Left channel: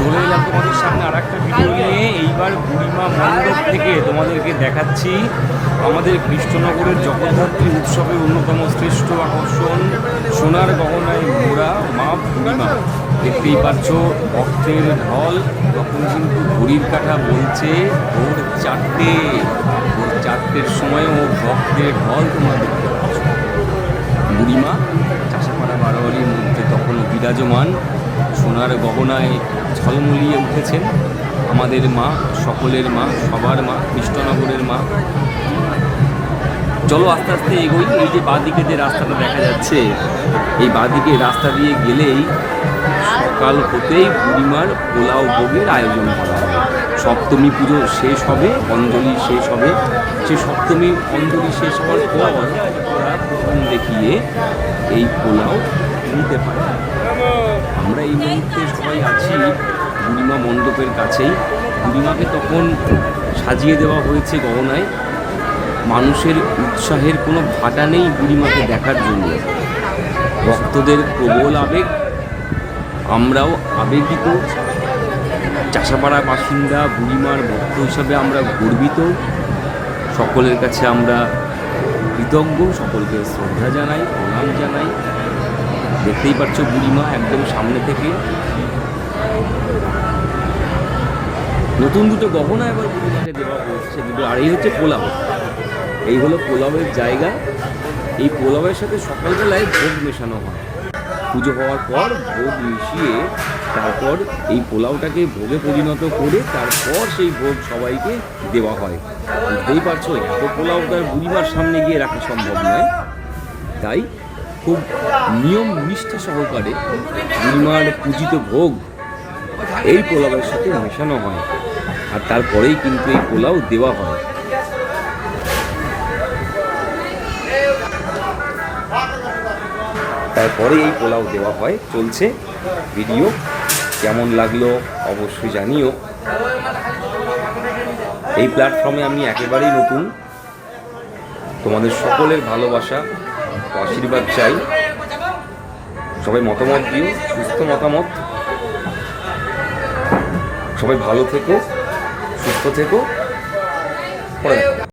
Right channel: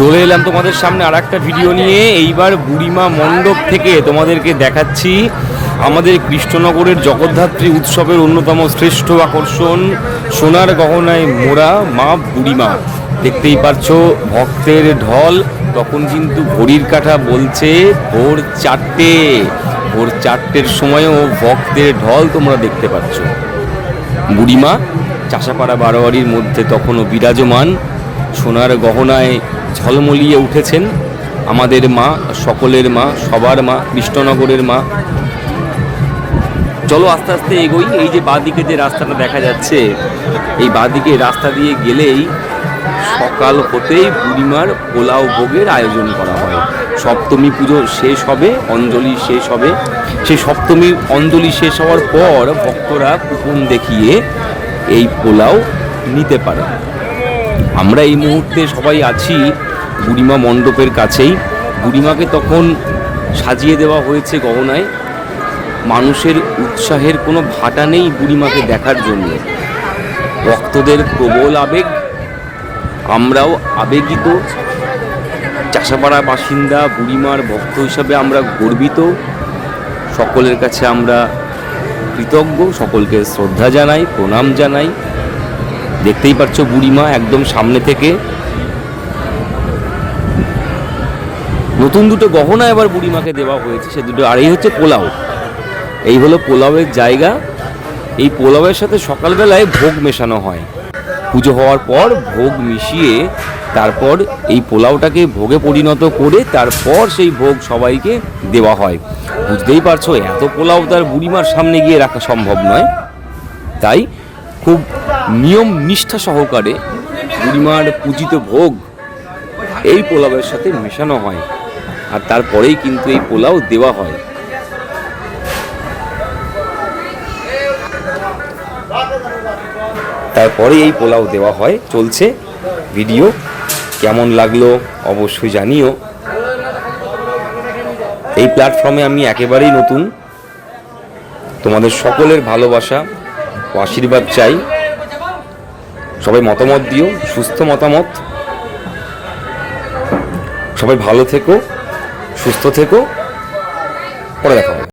চলে এলাম তোমাদের সামনে আর একটা ভিডিও নিয়ে। এইবার বুড়িমা মণ্ডপ থেকে তোমাদেরকে দেখাচ্ছি আমাদের কৃষ্ণনগরের জগদ্ধাত্রী উৎসবের অন্যতম শ্রেষ্ঠ আকর্ষণ, সোনার গহনায় মোড়া মা বুড়িমা। দেখতেই পাচ্ছ, ভক্তের ঢল, তখন কিন্তু ঘড়ির কাঁটা বলছে ভোর চারটে। ভোর চারটের সময়ও ভক্তের ঢল তোমরা দেখতে পাচ্ছ। বুড়িমা, চাষাপাড়া বারোয়ারির মধ্যে তখনও বিরাজমান, সোনার গহনায় ঝলমলিয়ে উঠেছেন আমাদের মা, সকলের মা, সবার মা, কৃষ্ণনগরের মা। চলো আস্তে আস্তে এগোই, এই যে বাঁদিকে যে রাস্তাটা দেখা যাচ্ছে, এই বাঁদিকে রাস্তা দিয়ে গেলেই সকাল হতেই বুড়িমার পোলাও ভোগের আয়োজন করা হবে। সপ্তমী পুজো শেষ হবে, অঞ্জলি শেষ হবে। সেই সপ্তমী, অঞ্জলি শেষ হওয়ার পর ভক্তরা কুপন দেখিয়ে এই পোলাও নিতে পারে আমরা এই মুহূর্তে সবাই আছি বুড়িমা মণ্ডপের কাছেই। বুড়িমাকে তখন সাজিয়ে দেওয়া হয়েছে গহনায়। মানুষের উৎসাহের কোনো ভাটা নেই বুড়িমাকে দেখার জন্য। ভক্তদের প্রবল আবেগ, আমরাও আবেগিত। চাষাপাড়া বাসিন্দা বুড়িমার ভক্ত হিসাবে আমরা গর্বিত। সকলের কাছে আমরা কৃতজ্ঞ, সকলকে শ্রদ্ধা জানাই, প্রণাম জানাই। দেখতেই পাচ্ছ বুড়িমা একদম সামনে থেকে। নতুন দুটো গহনা এবার বুড়িমাকে দেওয়া হয়েছে, সে দুটো আর এই হচ্ছে পোলাও। এই হলো পোলাওয়ের জায়গা। এই পোলাওয়ের সাথে সকালবেলায় ভোগ মেশানো হয়। পুজো হওয়ার পর ভোগ মিশিয়ে তারপর এই পোলাওটাকে ভোগে পরিণত করে তারপর সেই ভোগ সবাইকে দেওয়া হয়। বুঝতেই পারছ, এত পোলাও তার বুড়িমার সামনে গিয়ে রাখা সম্ভব নয়। তাই খুব নিয়ম নিষ্ঠা সহকারে বুড়িমার পূজিত ভোগ এই পোলাওয়ের সাথে মেশানো হয় আর তারপরেই কিন্তু এই পোলাও দেওয়া হয়। তারপরে এই পোলাও দেওয়া হয়। চলছে ভিডিও। কেমন লাগল অবশ্যই জানিও। এই প্ল্যাটফর্মে আমি একেবারেই নতুন। তোমাদের সকলের ভালোবাসা আশীর্বাদ চাই। সবাই মতামত দিও সুস্থ মতামত সবাই ভালো থেকো সুস্থ থেকো পরে দেখা।